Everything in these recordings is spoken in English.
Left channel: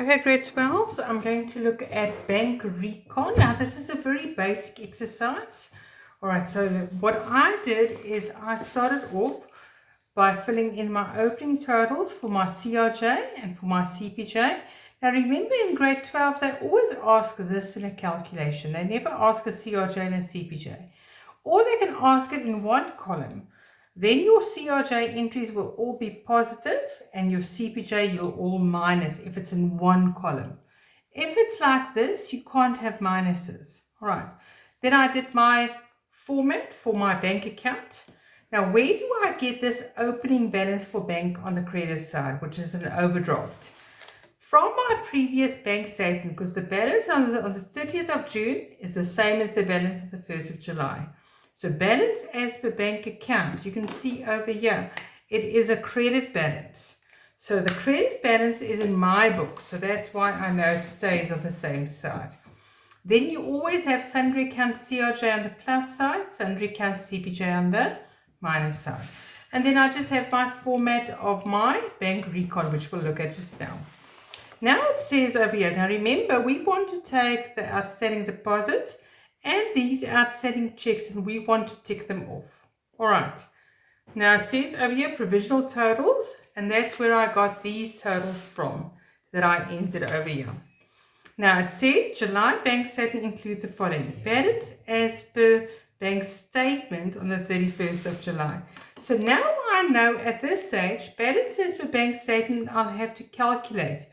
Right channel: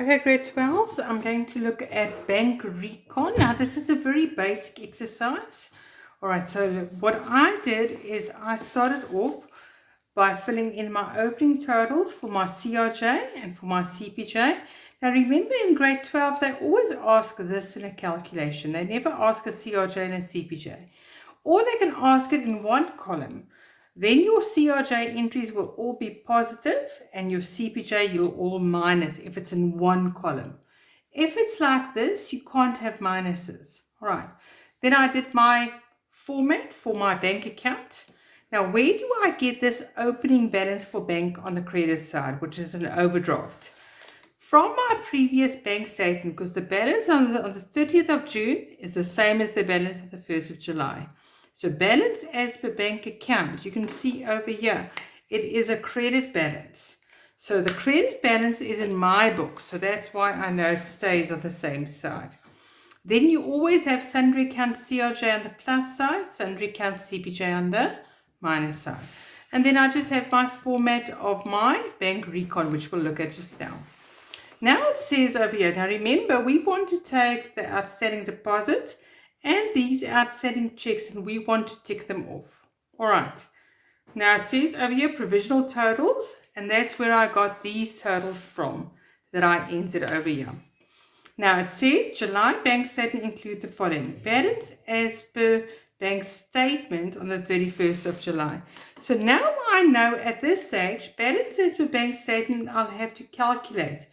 Okay, grade 12, so I'm going to look at bank recon. Now, this is a very basic exercise. All right, so what I did is I started off by filling in my opening totals for my CRJ and for my CPJ. Now, remember in grade 12, they always ask this in a calculation. They never ask a CRJ and a CPJ. Or they can ask it in one column. Then your CRJ entries will all be positive and your CPJ you'll all minus if it's in one column. If it's like this, you can't have minuses. All right. Then I did my format for my bank account. Now, where do I get this opening balance for bank on the credit side, which is an overdraft? From my previous bank statement, because the balance on the 30th of June is the same as the balance of the 1st of July. So balance as per bank account, you can see over here, it is a credit balance. So the credit balance is in my book, so that's why I know it stays on the same side. Then you always have sundry account CRJ on the plus side, sundry account CPJ on the minus side. And then I just have my format of my bank recon, which we'll look at just now. Now it says over here, now remember, we want to take the outstanding deposit and these outstanding checks and we want to tick them off. All right. Now it says over here provisional totals, and that's where I got these totals from that I entered over here. Now it says July bank statement include the following. Balance as per bank statement on the 31st of July. So now I know at this stage, balance as per bank statement, I'll have to calculate.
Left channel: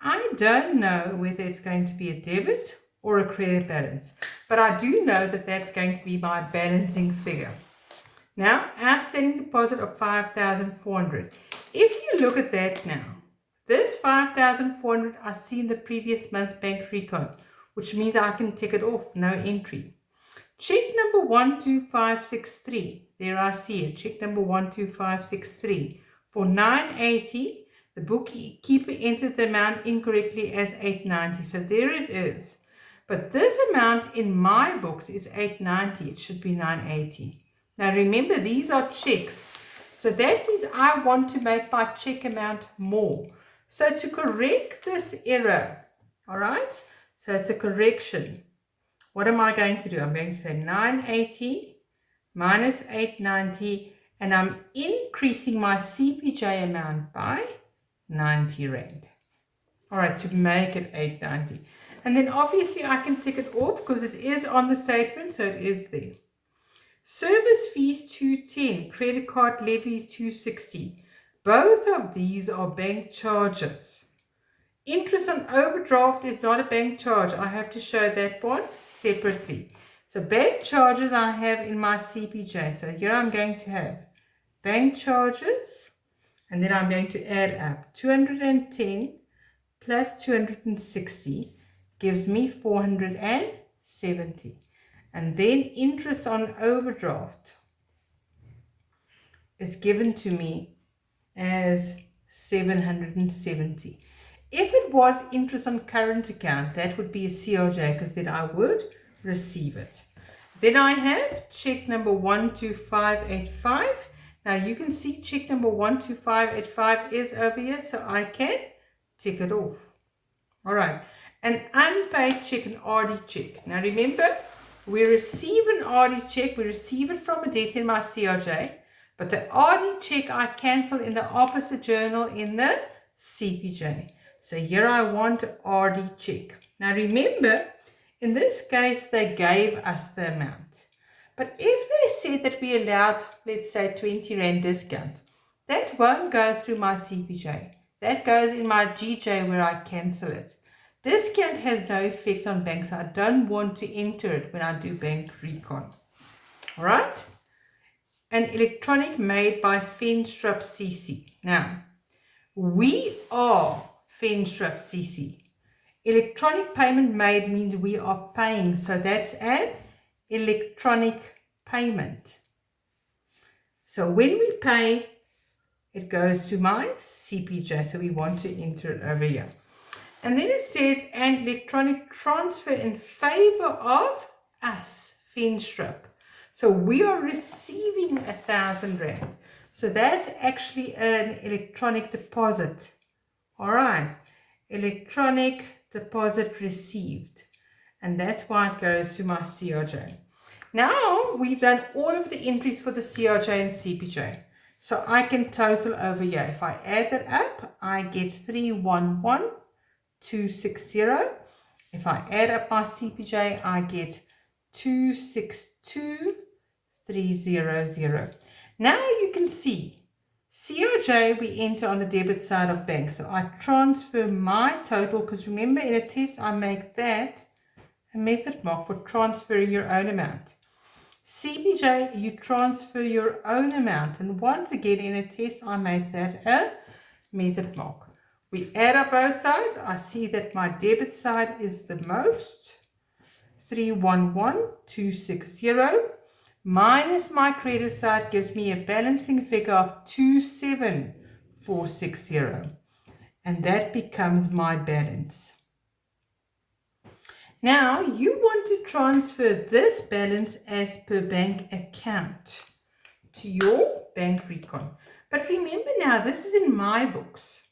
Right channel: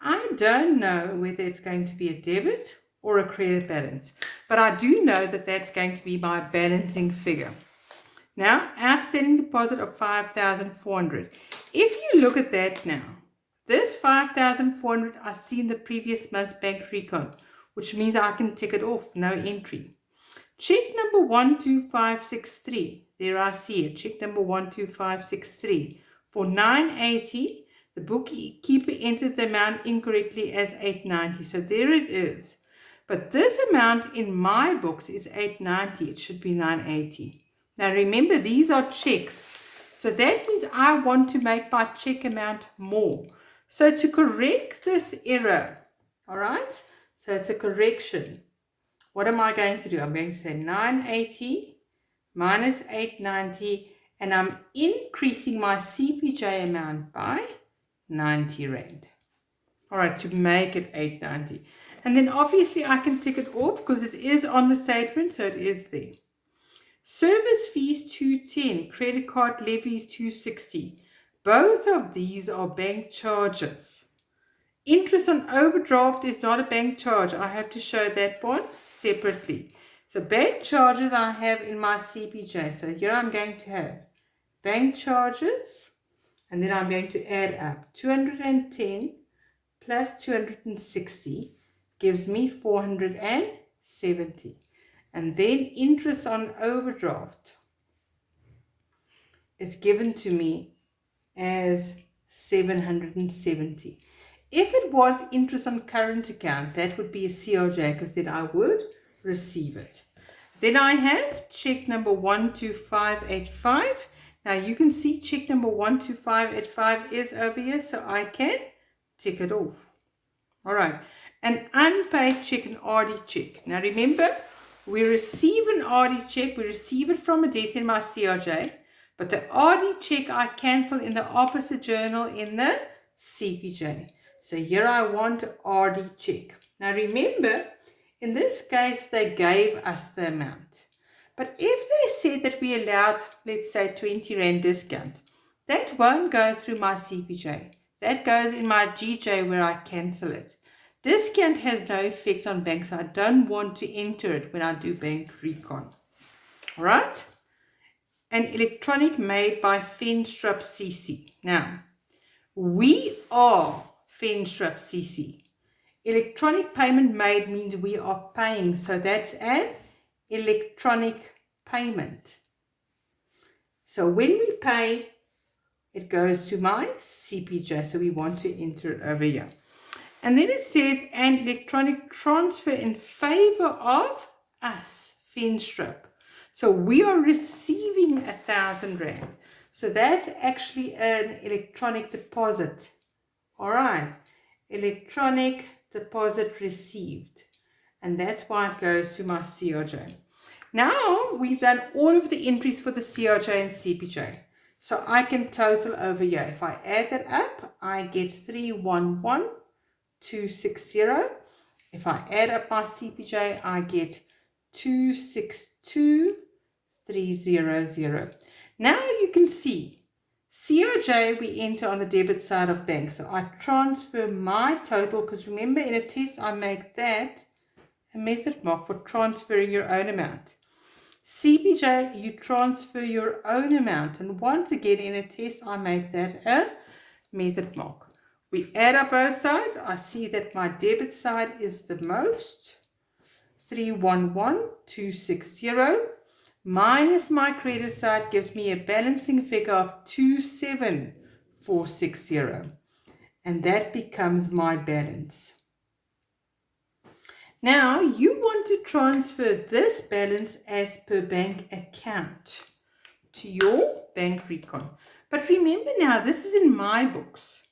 I don't know whether it's going to be a debit or a credit balance, but I do know that that's going to be my balancing figure. Now, outstanding deposit of 5,400. If you look at that now, this 5,400 I see in the previous month's bank recon, which means I can tick it off, no entry. Check number 12563. There I see it. Check number 12563 for 980. The bookkeeper entered the amount incorrectly as 890. So there it is. But this amount in my books is 890. It should be 980. Now remember, these are checks. So that means I want to make my check amount more. So to correct this error, all right? So it's a correction. What am I going to do? I'm going to say 980 minus 890, and I'm increasing my CPJ amount by 90 Rand. All right, to make it 890. And then obviously I can tick it off because it is on the statement, so it is there. Service fees 210, credit card levies 260. Both of these are bank charges. Interest on overdraft is not a bank charge. I have to show that one separately. So bank charges I have in my CPJ. So here I'm going to have bank charges, and then I'm going to add up 210 plus 260 gives me 470. And then interest on overdraft is given to me as 770. If it was interest on current account, that would be a CRJ because then I would receive it. Then I have check number 12585. Now you can see check number 12585 is over here, so I can tick it off. All right, an unpaid check, an RD check. Now remember, we receive an RD check, we receive it from a debtor in my CRJ, but the RD check I cancel in the opposite journal in the CPJ. So here I want a RD check. Now remember, in this case, they gave us the amount. But if they said that we allowed, let's say, 20 Rand discount, that won't go through my CPJ. That goes in my GJ where I cancel it. Discount has no effect on bank, so I don't want to enter it when I do bank recon. All right? An electronic made by Fenstrup CC. Now, we are Fenstrup CC. Electronic payment made means we are paying, so that's an electronic payment. So when we pay, it goes to my CPJ, so we want to enter it over here. And then it says an electronic transfer in favor of us, Fenstrup. So we are receiving 1,000 Rand. So that's actually an electronic deposit. All right. electronic deposit received. And that's why it goes to my CRJ. Now we've done all of the entries for the CRJ and CPJ. So I can total over here. If I add that up, I get 311,260. If I add up my CPJ, I get 262,300. Now you can see CRJ we enter on the debit side of bank. So I transfer my total, because remember in a test I make that a method mark for transferring your own amount. CPJ, you transfer your own amount, and once again in a test I make that a method mark. We add up both sides. I see that my debit side is the most, 311,260, minus my credit side gives me a balancing figure of 27,460, and that becomes my balance. Now you want to transfer this balance as per bank account to your bank recon. But remember now, this is in my books.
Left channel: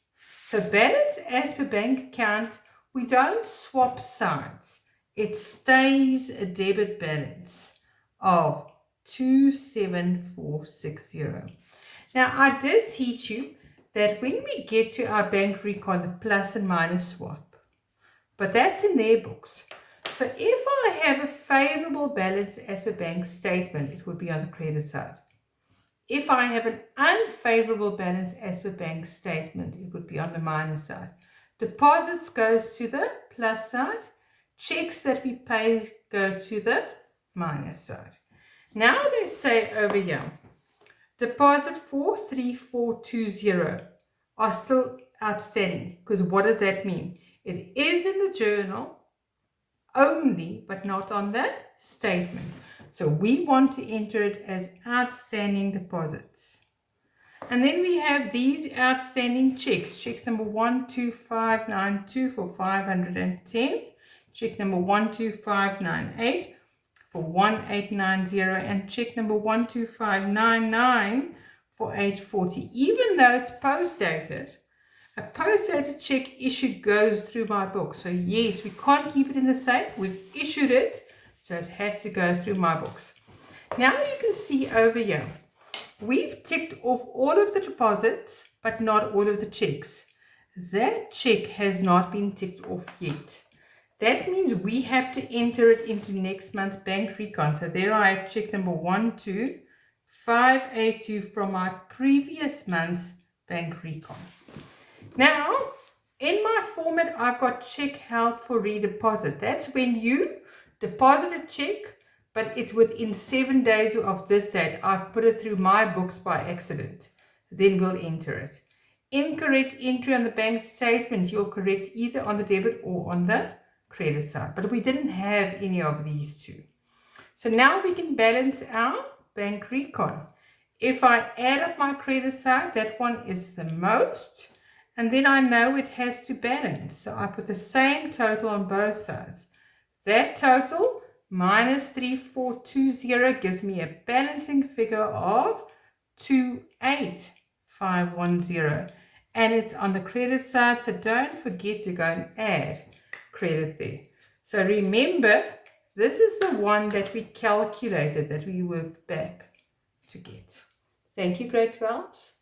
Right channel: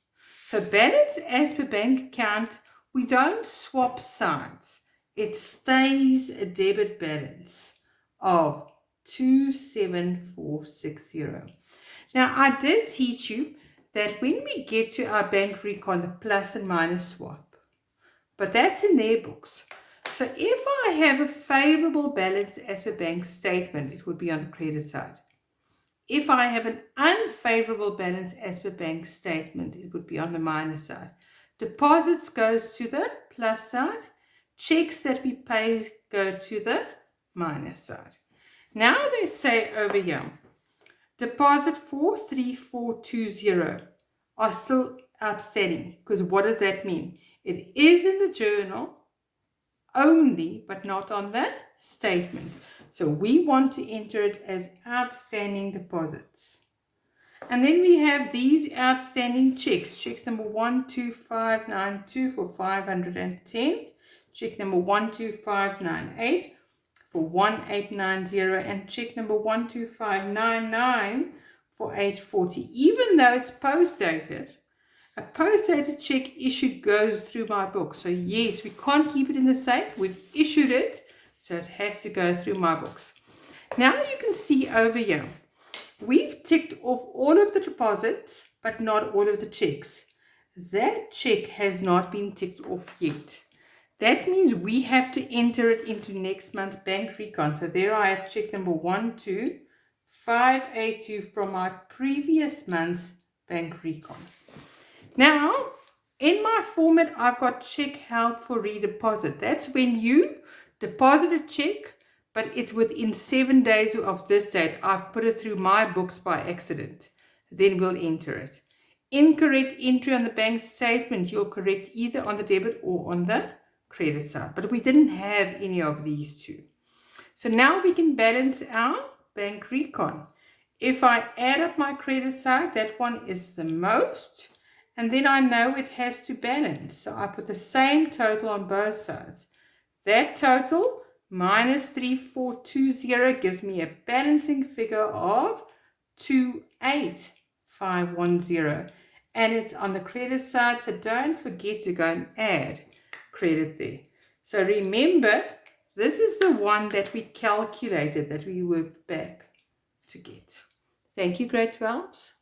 So balance as per bank account, we don't swap sides. It stays a debit balance of 27,460. Now I did teach you that when we get to our bank recon, the plus and minus swap. But that's in their books. So if I have a favorable balance as per bank statement, it would be on the credit side. If I have an unfavorable balance as per bank statement, it would be on the minus side. Deposits goes to the plus side. Checks that we pay go to the minus side. Now they say over here, deposit 43420 are still outstanding. Because what does that mean? It is in the journal only, but not on the statement. So we want to enter it as outstanding deposits. And then we have these outstanding checks. Checks number 12592 for 510. Check number 12598 for 1890. And check number 12599 for 840. Even though it's post-dated, a post-dated check issued goes through my book. So yes, we can't keep it in the safe. We've issued it, so it has to go through my books. Now you can see over here, we've ticked off all of the deposits, but not all of the checks. That check has not been ticked off yet. That means we have to enter it into next month's bank recon. So there I have check number 12582 from my previous month's bank recon. Now, in my format, I've got check held for redeposit. That's when you deposit a check, but it's within 7 days of this date. I've put it through my books by accident. Then we'll enter it. Incorrect entry on the bank statement, you'll correct either on the debit or on the credit side. But we didn't have any of these two. So now we can balance our bank recon. If I add up my credit side, that one is the most. And then I know it has to balance. So I put the same total on both sides. That total minus 3420 gives me a balancing figure of 28510. And it's on the credit side, so don't forget to go and add credit there. So remember, this is the one that we calculated, that we worked back to get. Thank you, grade 12s.